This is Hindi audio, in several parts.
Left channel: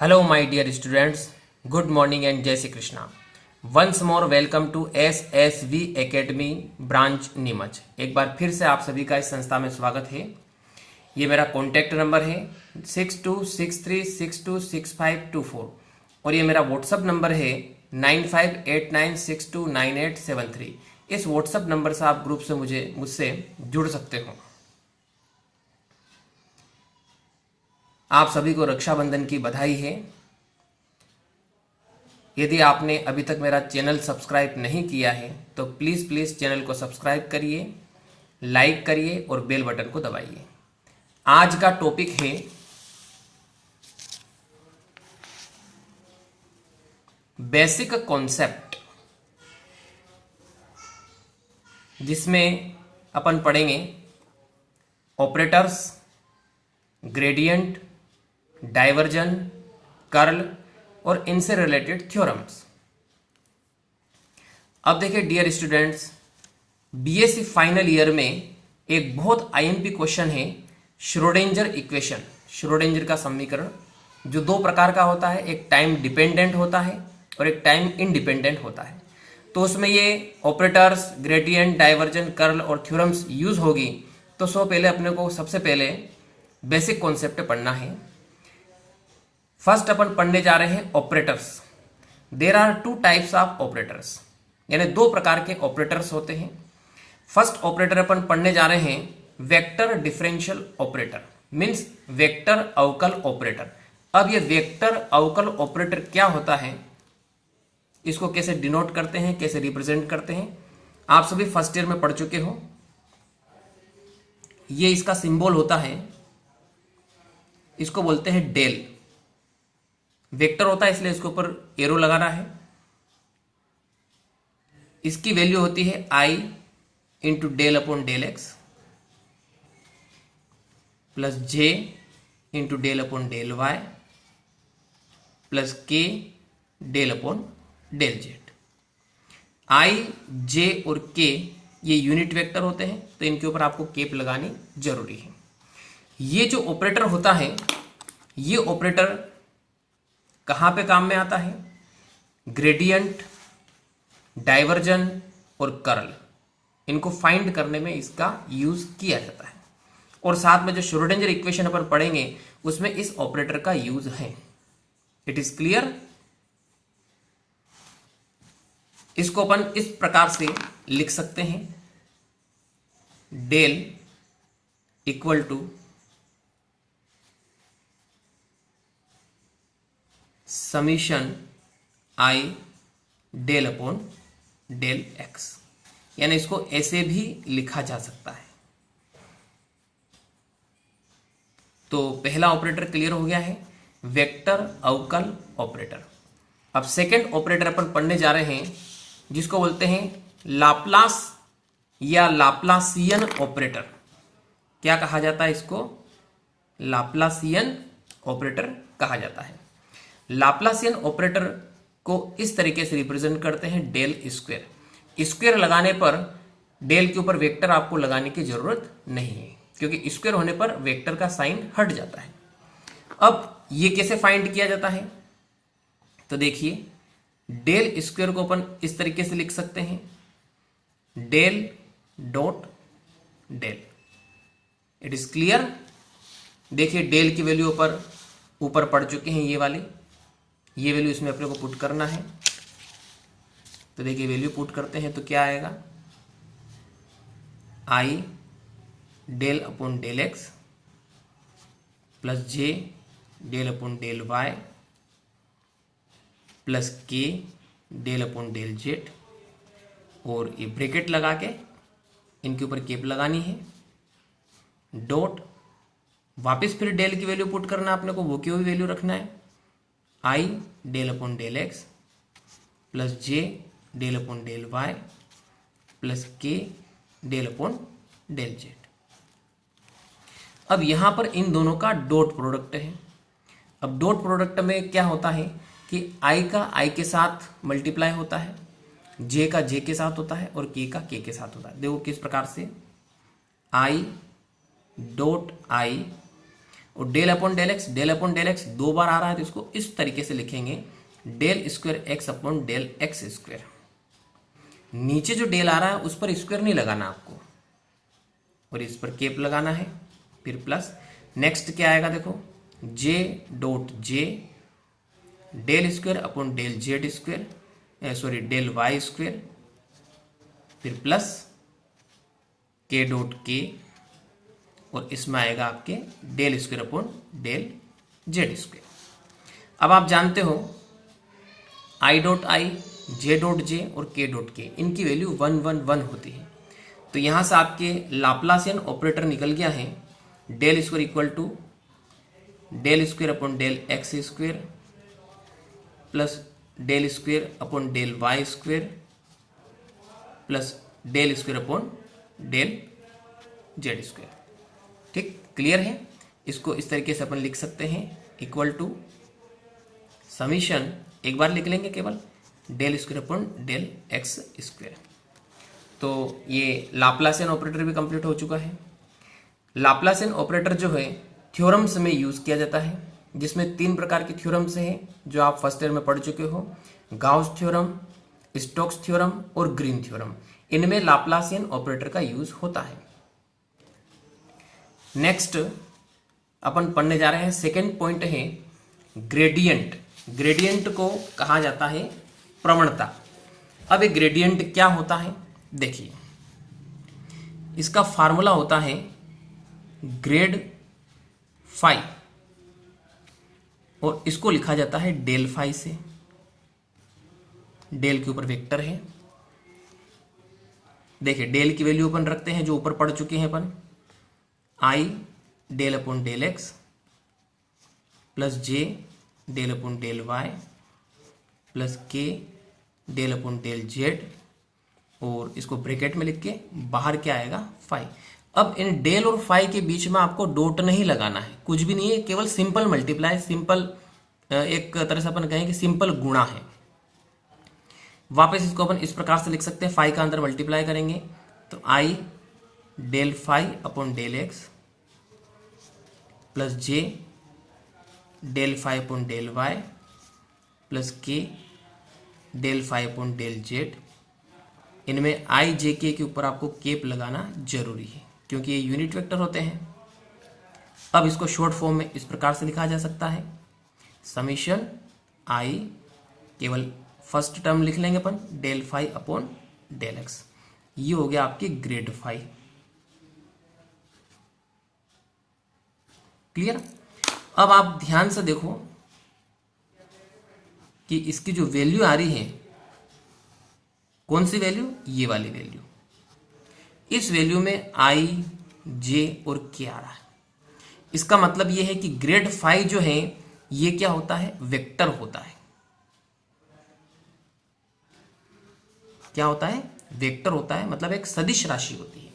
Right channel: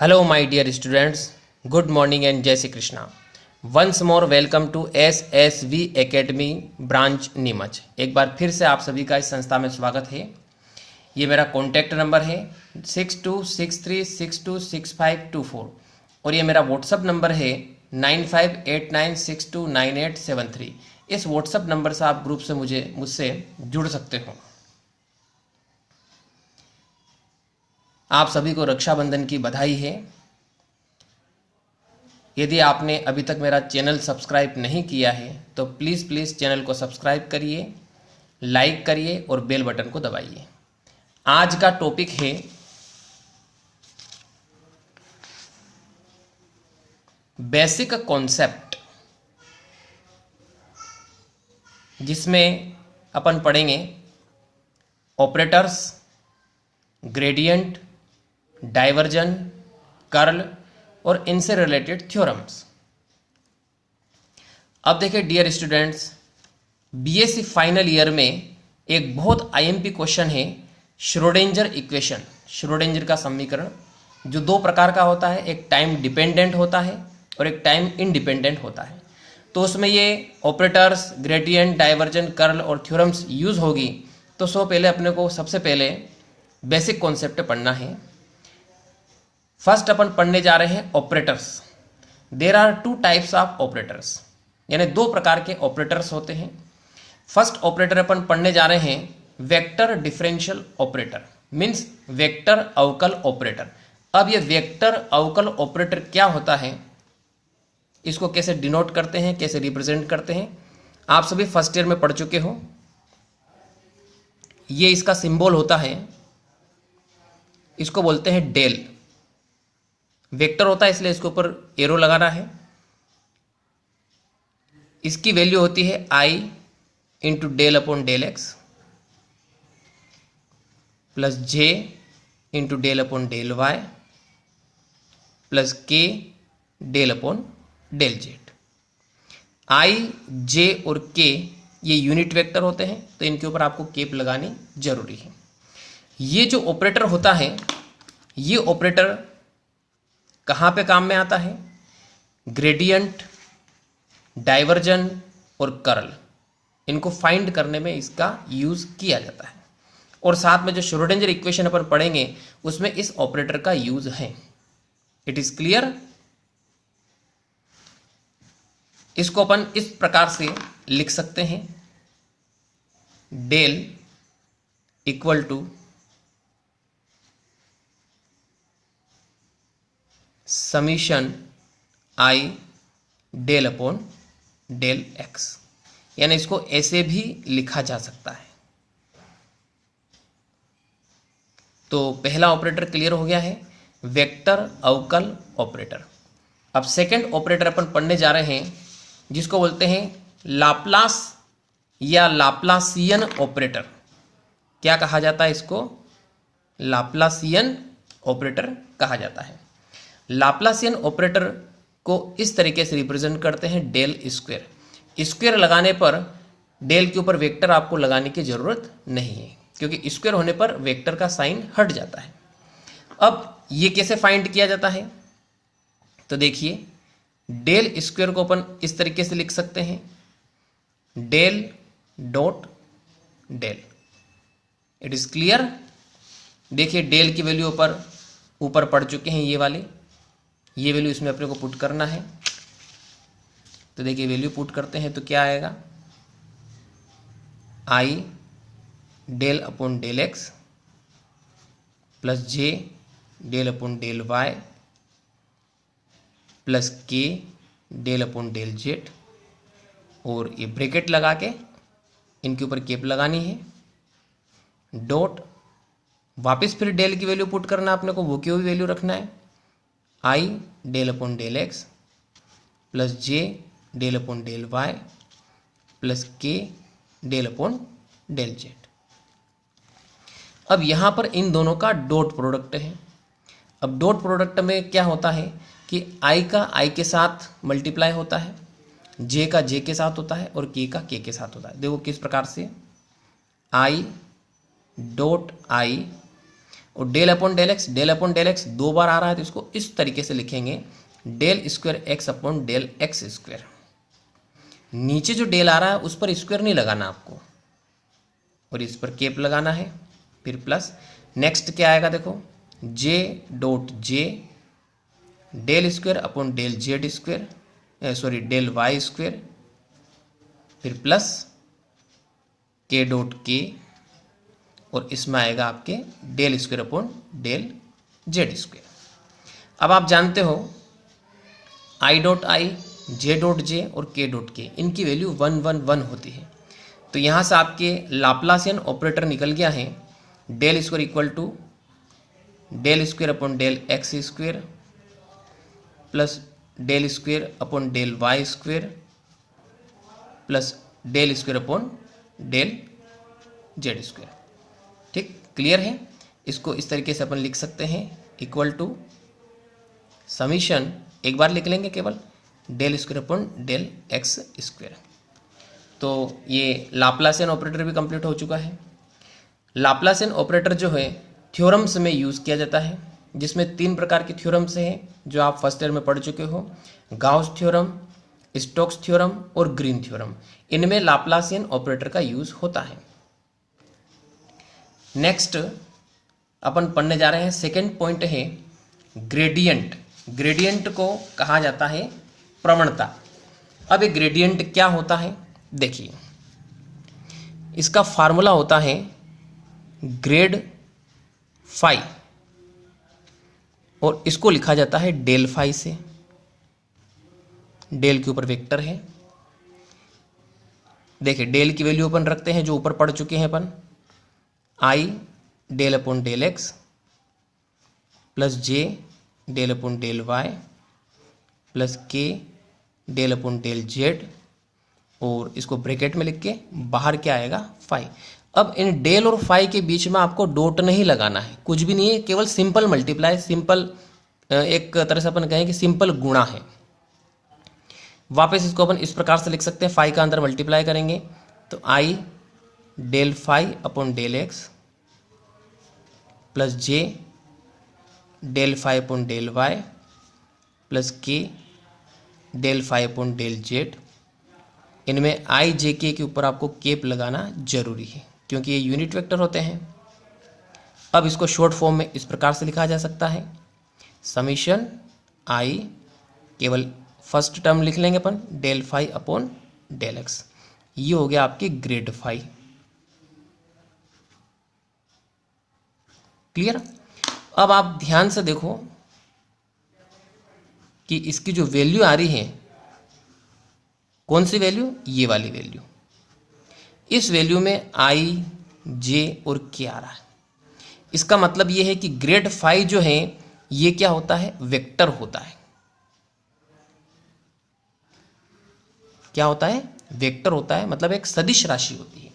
Hello, my dear students. Good morning and Jai Shri Krishna. Once more welcome to SSV Academy branch Neemuch. एक बार फिर से आप सभी का इस संस्था में स्वागत है। ये मेरा कॉन्टैक्ट नंबर है 6263626524 और ये मेरा व्हाट्सअप नंबर है 9589629873। इस व्हाट्सअप नंबर से आप ग्रुप से मुझसे जुड़ सकते हो। आप सभी को रक्षाबंधन की बधाई है। यदि आपने अभी तक मेरा चैनल सब्सक्राइब नहीं किया है तो प्लीज़ चैनल को सब्सक्राइब करिए, लाइक करिए और बेल बटन को दबाइए। आज का टॉपिक है बेसिक कॉन्सेप्ट, जिसमें अपन पढ़ेंगे ऑपरेटर्स, ग्रेडियंट, डाइवर्जन, कर्ल और इनसे रिलेटेड थ्योरम्स। अब देखिए dear students, BSc final year में एक बहुत आईएमपी क्वेश्चन है श्रोडिंगर इक्वेशन, श्रोडिंगर का समीकरण, जो दो प्रकार का होता है, एक टाइम डिपेंडेंट होता है और एक टाइम इंडिपेंडेंट होता है। तो उसमें ये ऑपरेटर्स, ग्रेडियंट, डाइवर्जन, कर्ल और थ्योरम्स यूज होगी। तो अपने को सबसे पहले बेसिक कॉन्सेप्ट पढ़ना है। फर्स्ट अपन पढ़ने जा रहे हैं operators. There are two types of operators, यानी दो प्रकार के ऑपरेटर्स होते हैं। फर्स्ट ऑपरेटर अपन पढ़ने जा रहे हैं vector differential operator, means vector अवकल ऑपरेटर। अब ये वेक्टर अवकल ऑपरेटर क्या होता है, इसको कैसे डिनोट करते हैं, कैसे रिप्रेजेंट करते हैं, आप सभी फर्स्ट ईयर में पढ़ चुके हो। ये इसका सिंबल होता है, इसको बोलते हैं डेल। वेक्टर होता है इसलिए इसके ऊपर एरो लगाना है। इसकी वैल्यू होती है I into del upon del x plus J into del upon del Y plus के del upon del Z. I, J और के ये यूनिट वेक्टर होते हैं, तो इनके ऊपर आपको केप लगानी जरूरी है। ये जो ऑपरेटर होता है, ये ऑपरेटर कहाँ पे काम में आता है, ग्रेडियंट, डाइवर्जन और कर्ल, इनको फाइंड करने में इसका यूज किया जाता है। और साथ में जो श्रोडिंगर इक्वेशन अपन पढ़ेंगे उसमें इस ऑपरेटर का यूज है। It is clear. इसको अपन इस प्रकार से लिख सकते हैं, del equal to summation i del upon del x, यानी इसको ऐसे भी लिखा जा सकता है। तो पहला ऑपरेटर क्लियर हो गया है, वेक्टर अवकल ऑपरेटर। अब सेकंड ऑपरेटर अपन पढ़ने जा रहे हैं, जिसको बोलते हैं लाप्लास या लाप्लासियन ऑपरेटर। क्या कहा जाता है इसको, लाप्लासियन ऑपरेटर कहा जाता है। लाप्लासियन ऑपरेटर को इस तरीके से रिप्रेजेंट करते हैं डेल स्क्वायर। स्क्वायर लगाने पर डेल के ऊपर वेक्टर आपको लगाने की जरूरत नहीं है, क्योंकि स्क्वायर होने पर वेक्टर का साइन हट जाता है। अब ये कैसे फाइंड किया जाता है, तो देखिए डेल स्क्वायर को अपन इस तरीके से लिख सकते हैं, del dot del. It is clear. देखिए डेल की वैल्यू ऊपर पढ़ चुके हैं, ये वाली, ये वैल्यू इसमें अपने को पुट करना है। तो देखिए वैल्यू पुट करते हैं तो क्या आएगा, I del upon del x plus J del upon del Y plus के डेल अपॉन डेल जेड, और ये ब्रैकेट लगा के इनके ऊपर केप लगानी है, डॉट, वापस फिर डेल की वैल्यू पुट करना अपने को, वो की वैल्यू रखना है, I del upon del x plus J del upon del Y plus के डेल अपॉन डेल जेड। अब यहां पर इन दोनों का डॉट प्रोडक्ट है। अब डॉट प्रोडक्ट में क्या होता है कि आई का आई के साथ मल्टीप्लाई होता है, जे का जे के साथ होता है और के का के साथ होता है। देखो किस प्रकार से, आई डॉट आई और डेल अपॉन डेल एक्स 2 बार आ रहा है तो इसको इस तरीके से लिखेंगे del square x upon del x square. नीचे जो डेल आ रहा है उस पर स्क्वायर नहीं लगाना आपको और इस पर केप लगाना है, फिर प्लस। नेक्स्ट क्या आएगा देखो, j dot j del square upon del z square, sorry del y square, फिर प्लस के डॉट के और इसमें आएगा आपके del square upon del z square. अब आप जानते हो आई डॉट आई, जे डॉट जे और के डॉट के, इनकी वैल्यू 1 1 1 होती है। तो यहाँ से आपके लाप्लासियन ऑपरेटर निकल गया है del square equal to del square upon del x square plus del square upon del y square plus del square upon del z square. ठीक, क्लियर है। इसको इस तरीके से अपन लिख सकते हैं इक्वल टू समीशन, एक बार लिख लेंगे केवल, del square upon del x square. तो ये लाप्लासियन ऑपरेटर भी कंप्लीट हो चुका है। लाप्लासियन ऑपरेटर जो है थ्योरम्स में यूज़ किया जाता है, जिसमें 3 प्रकार के थ्योरम्स हैं जो आप फर्स्ट ईयर में पढ़ चुके हो, गाउस थ्योरम, स्टोक्स थ्योरम और ग्रीन थ्योरम। इनमें लाप्लासियन ऑपरेटर का यूज़ होता है। नेक्स्ट अपन पढ़ने जा रहे हैं, सेकेंड पॉइंट है ग्रेडियंट। ग्रेडियंट को कहा जाता है प्रवणता। अब ये ग्रेडियंट क्या होता है, देखिए इसका फार्मूला होता है ग्रेड फाई और इसको लिखा जाता है डेल फाई से। डेल के ऊपर वेक्टर है, देखिए डेल की वैल्यू अपन रखते हैं जो ऊपर पढ़ चुके हैं अपन, आई del upon del x plus जे del upon del Y plus के डेल अपॉन डेल जेड और इसको ब्रैकेट में लिख के बाहर क्या आएगा फाई। अब इन डेल और फाई के बीच में आपको डॉट नहीं लगाना है, कुछ भी नहीं है, केवल सिंपल मल्टीप्लाई, सिंपल एक तरह से अपन कहें कि सिंपल गुणा है। वापस इसको अपन इस प्रकार से लिख सकते हैं, फाई का अंदर मल्टीप्लाई करेंगे तो i del phi upon del x plus J del phi upon del Y plus के del phi upon del z. इनमें आई जे के ऊपर आपको केप लगाना जरूरी है क्योंकि ये यूनिट वेक्टर होते हैं। अब इसको शॉर्ट फॉर्म में इस प्रकार से लिखा जा सकता है समीशन आई, केवल फर्स्ट टर्म लिख लेंगे अपन del phi upon del x. ये हो गया आपकी ग्रेड फाई। क्लियर। अब आप ध्यान से देखो कि इसकी जो वैल्यू आ रही है, कौन सी वैल्यू, ये वाली वैल्यू। इस वैल्यू में आई जे और के आ रहा है। इसका मतलब ये है कि ग्रेड फाई जो है ये क्या होता है, वेक्टर होता है। क्या होता है, वेक्टर होता है, मतलब एक सदिश राशि होती है।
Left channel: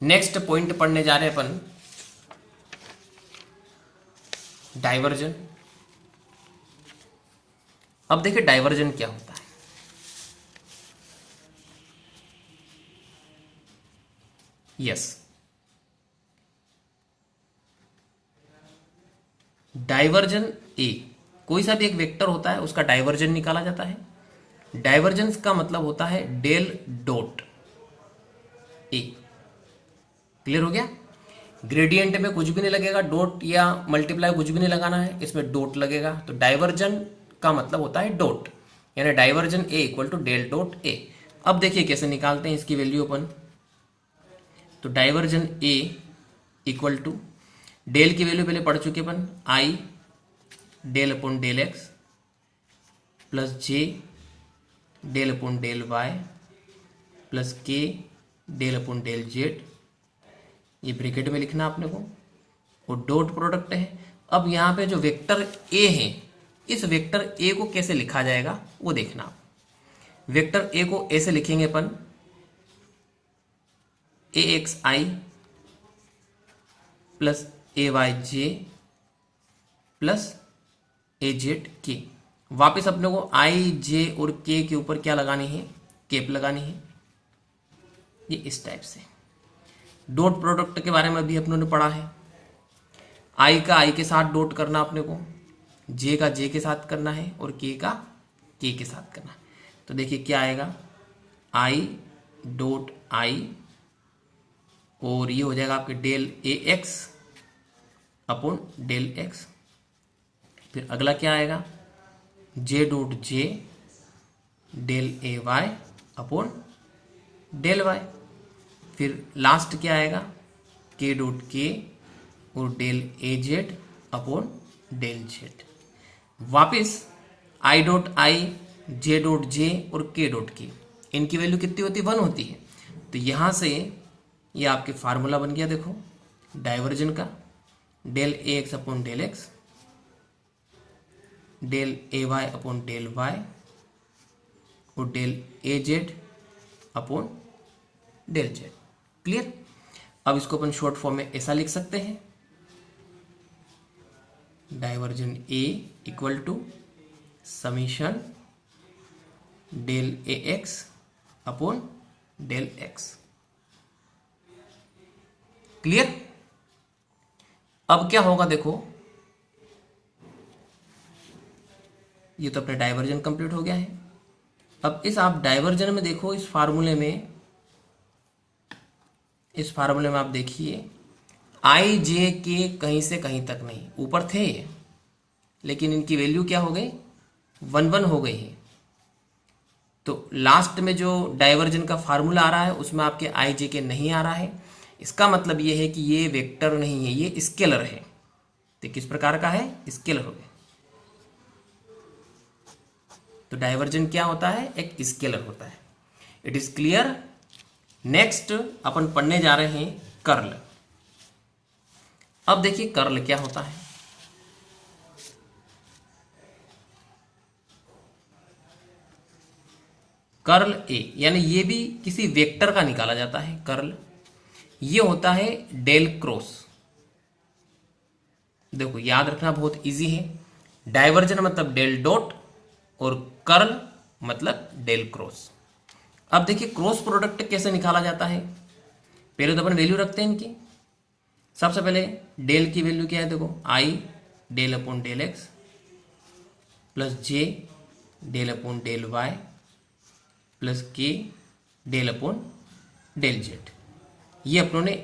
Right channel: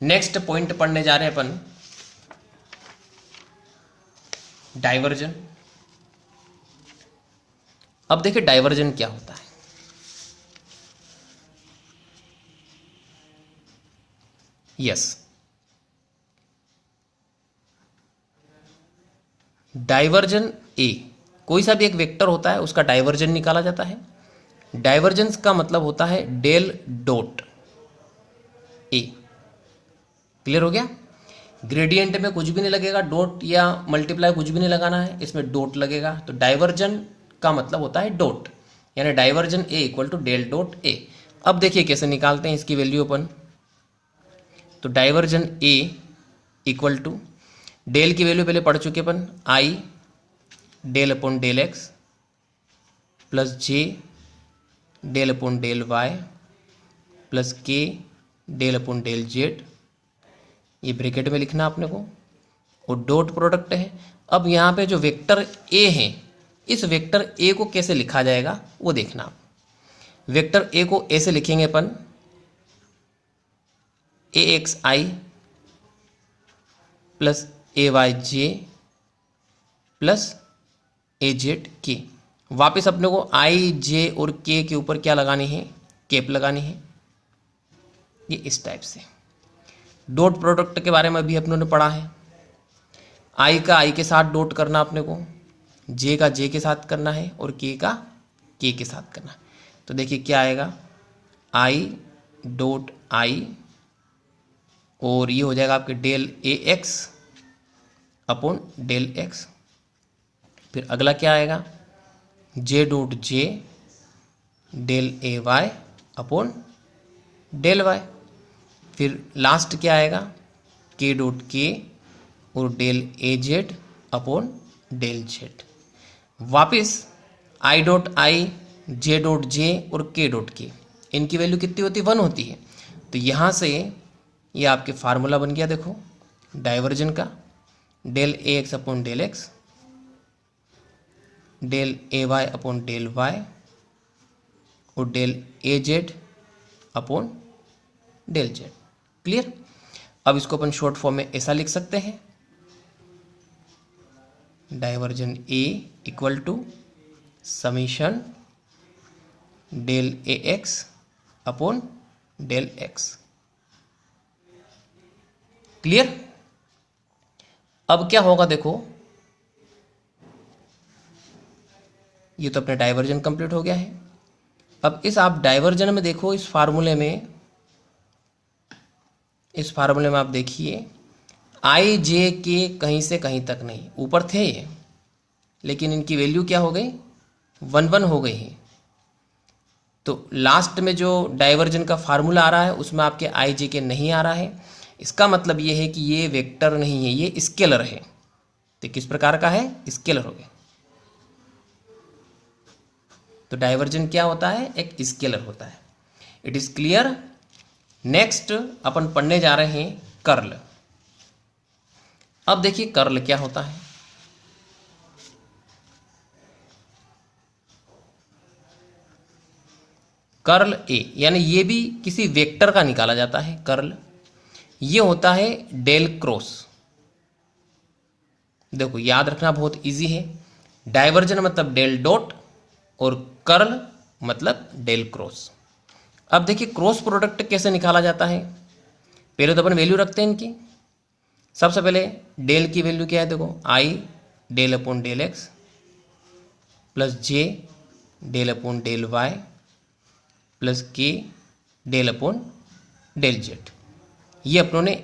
नेक्स्ट पॉइंट पढ़ने जा रहे हैं अपन डाइवर्जन। अब देखिए डाइवर्जन क्या होता है। यस, डाइवर्जन ए, कोई सा भी एक वेक्टर होता है उसका डाइवर्जन निकाला जाता है। डाइवर्जेंस का मतलब होता है डेल डॉट ए। क्लियर हो गया। ग्रेडियंट में कुछ भी नहीं लगेगा, डॉट या मल्टीप्लाई कुछ भी नहीं लगाना है, इसमें डॉट लगेगा। तो डाइवर्जन का मतलब होता है डॉट, यानी divergence A equal to del dot A. अब देखिए कैसे निकालते हैं इसकी वैल्यू अपन। तो divergence A equal to del की वैल्यू पहले पढ़ चुके अपन, आई del upon del x plus जे del upon del Y plus के डेल अपॉन डेल जेड। ये ब्रैकेट में लिखना आपने को, और डॉट प्रोडक्ट है। अब यहाँ पे जो वेक्टर ए है, इस वेक्टर ए को कैसे लिखा जाएगा वो देखना। वेक्टर ए को ऐसे लिखेंगे अपन, ए एक्स आई प्लस ए वाई जे प्लस ए जेड के। वापस अपने को आई जे और के ऊपर क्या लगानी है, केप लगानी है। ये इस टाइप से। डॉट प्रोडक्ट के बारे में अभी अपनों ने पढ़ा है। आई का आई के साथ डॉट करना अपने को, जे का जे के साथ करना है और के का के के साथ करना है। तो देखिए क्या आएगा, आई डॉट आई और ये हो जाएगा आपके del A x upon del x. फिर अगला क्या आएगा, जे dot j del A y upon del Y. फिर लास्ट क्या आएगा, के डॉट के और del A z upon del Z. वापिस आई डॉट आई, जे डॉट जे और के डॉट के, इनकी वैल्यू कितनी होती है, 1 होती है। तो यहाँ से ये आपके फार्मूला बन गया, देखो डाइवर्जन का, del A x upon del x, del A y upon del y और del A z upon del z. Clear. अब इसको अपन शॉर्ट फॉर्म में ऐसा लिख सकते हैं, divergence A equal to summation del A x upon del x. Clear. अब क्या होगा, देखो ये तो अपना डाइवर्जन कंप्लीट हो गया है। अब इस आप डाइवर्जन में देखो, इस फार्मूले में आप देखिए, आई जे के कहीं से कहीं तक नहीं, ऊपर थे ये, लेकिन इनकी वैल्यू क्या हो गई, 1 हो गई है। तो लास्ट में जो डाइवर्जन का फार्मूला आ रहा है उसमें आपके आई जे के नहीं आ रहा है। इसका मतलब ये है कि ये वेक्टर नहीं है, ये स्केलर है। तो किस प्रकार का है, स्केलर हो गया। तो डाइवर्जन क्या होता है, एक स्केलर होता है। It is clear. नेक्स्ट अपन पढ़ने जा रहे हैं कर्ल। अब देखिए कर्ल क्या होता है। कर्ल ए, यानी ये भी किसी वेक्टर का निकाला जाता है कर्ल। ये होता है डेल क्रॉस। देखो याद रखना बहुत इजी है, डाइवर्जन मतलब डेल डॉट और कर्ल मतलब डेल क्रॉस। अब देखिए क्रॉस प्रोडक्ट कैसे निकाला जाता है। पहले तो अपन वैल्यू रखते हैं इनकी। सबसे पहले डेल की वैल्यू क्या है, देखो i del upon del x plus J del upon del Y plus के डेल अपॉन डेल जेड। ये अपनों ने